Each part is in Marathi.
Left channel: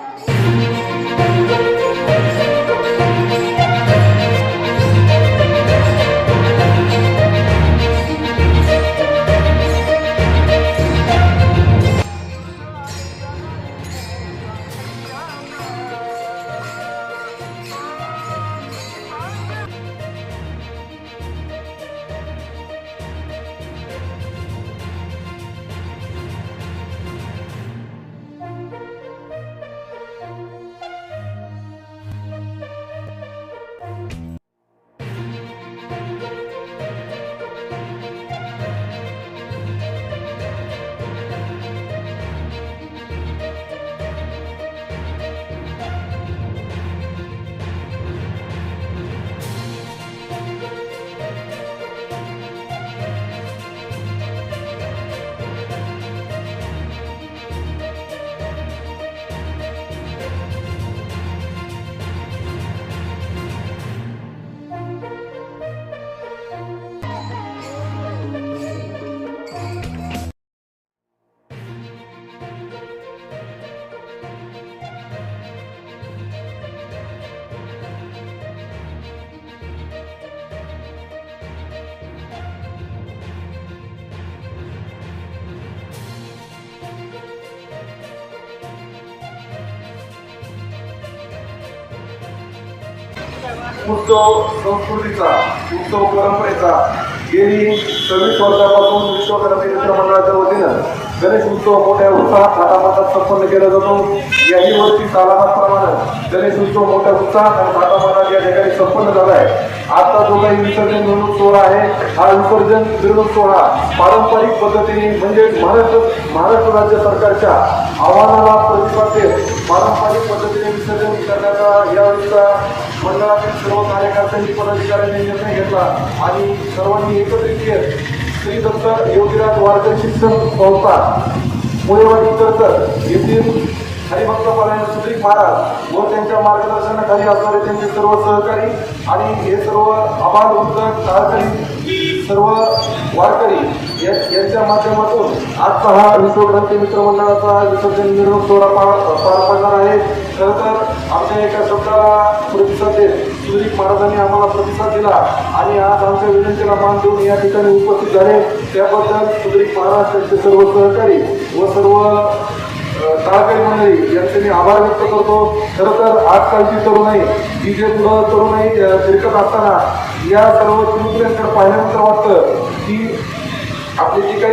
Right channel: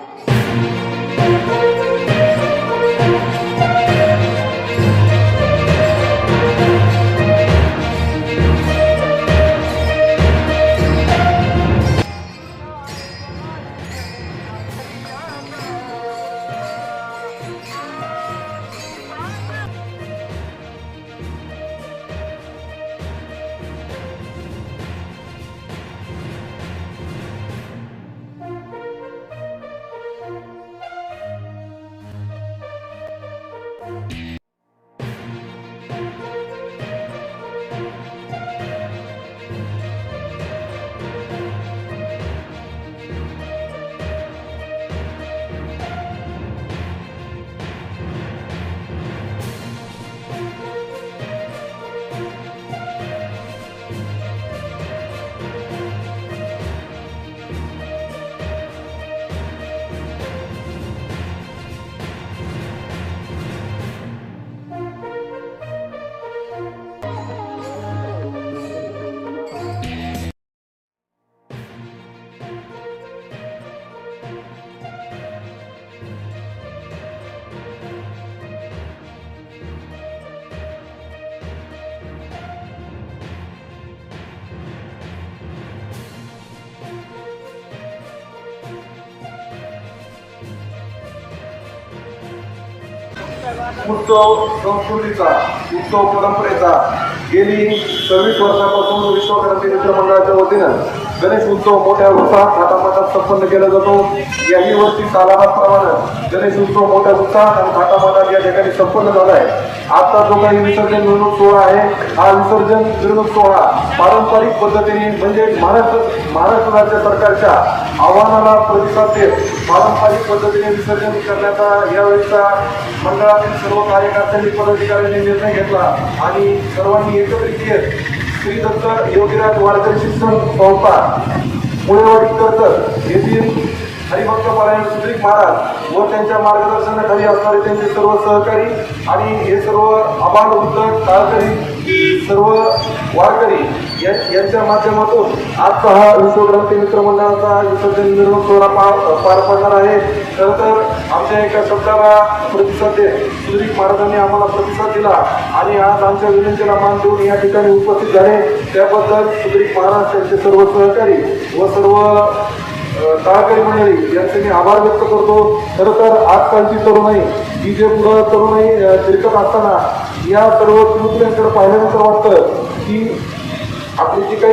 Yeah. उत्सव संस्कृतीचा उत्सव परंपरेचा गेली सव्वीस वर्षापासून विश्वक्रांती मित्र मंडळाच्या वतीनं गणेश उत्सव मोठ्या उत्साहात थाटामाटात संपन्न केला जातो. याही वर्षी सालाबादप्रमाणे गणेश उत्सव मोठ्या उत्साहात आणि थाटामाटात या ठिकाणी संपन्न झाला आहे. आता जो काही विसर्जन मिरवणूक सोहळा आहे. हा विसर्जन मिरवणूक सोहळा पारंपरिक पद्धतीने म्हणजे महाराष्ट्र महाराष्ट्र राज्य सरकारच्या आव्हानाला प्रतिसाद देत पारंपरिक पद्धतीने विसर्जन करण्याचा यावेळीचा मंडळातील सर्व कार्यकर्त्यांनी पदाधिकाऱ्यांनी निर्णय घेतला आणि सर्वांनी एकत्रित येत श्री दत्त योगीराज वारकरी शिक्षण संस्था मुळेवाडी कर्जत येथील हरिभक्त परायण सुद्रीक महाराज व त्यांच्या मार्गदर्शनाखाली असणारे त्यांचे सर्व सहकारी आणि हे सर्व आबाल वृद्ध काळकरी सर्व वारकरी या- यांच्या माध्यमातून आजचा हा विश्वग्रंथी मित्रमंडळाचा विसर्जन मिरवणूक सोहळा पार पार पडणार आहे. खरं तर आमच्या एका शब्दाला प्रतिसाद देत सुद्रीक महाराजांनी आम्हाला प्रतिसाद दिला आणि आज आमच्या विनंतीला मान देऊन या ठिकाणी उपस्थित झाले. त्याबद्दल सुद्रीक महाराज त्यांचे सर्व सहकारी व सर्व सहकारी मंडळी यांचे मी आभार व्यक्त करतो. खरं तर आजकालची तरुणाई ही जे मुलं तरुणाई शिरकत असताना या सर्व पिढीकडे पाहिल्यानंतर वाटतं की आपली जी काही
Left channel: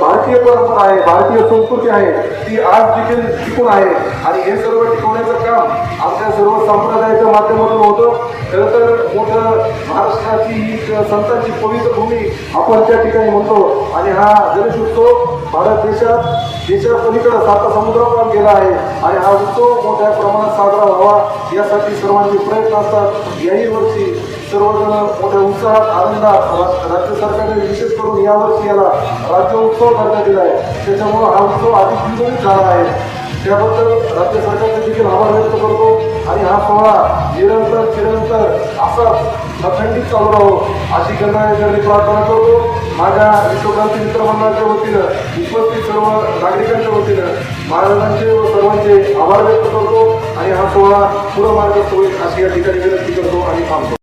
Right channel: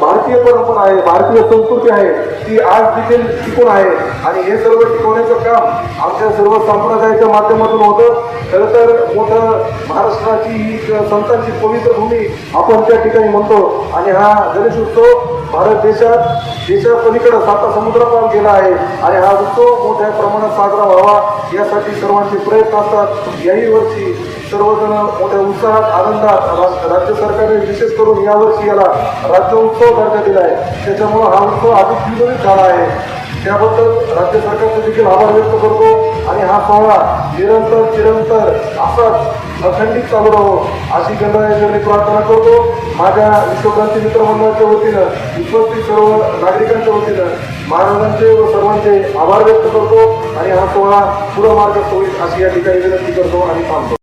भारतीय परंपरा आहे भारतीय संस्कृती आहे ती आज देखील टिकून आहे. आणि हे सर्व टिकवण्याचं काम आमच्या सर्व संप्रदायाच्या माध्यमातून होतं. खरं तर मोठं महाराष्ट्राची ही संतांची पवित्र भूमी आपण त्या ठिकाणी म्हणतो. आणि हा गणेश उत्सव भारत देशात देशा पलीकडं साता समुद्रापर्यंत गेला आहे. आणि हा उत्सव मोठ्या प्रमाणात साजरा व्हावा यासाठी सर्वांचे प्रयत्न असतात. याही वर्षी सर्वजण मोठ्या उत्साहात आनंदात राज्य सरकारने विशेष करून यावर्षी याला राज्य उत्सव दर्जा दिला आहे. त्याच्यामुळं हा उत्सव अधिक द्विगुणित झाला आहे. त्याबद्दल राज्य सरकारचे देखील आभार व्यक्त करतो आणि हा सोहळा निरंतर चिरंतर असाच अखंडित चालू राहो. अशी गणरायाकडे प्रार्थना करतो. माझ्या विश्वक्रांती मित्रमंडळाच्या वतीनं उपस्थित सर्व नागरिकांच्या वतीनं महाराजांचे व सर्वांचे आभार व्यक्त करतो. आणि हा सोहळा पुढं मार्ग होईल अशी या ठिकाणी विनंती करतो आणि थांबतो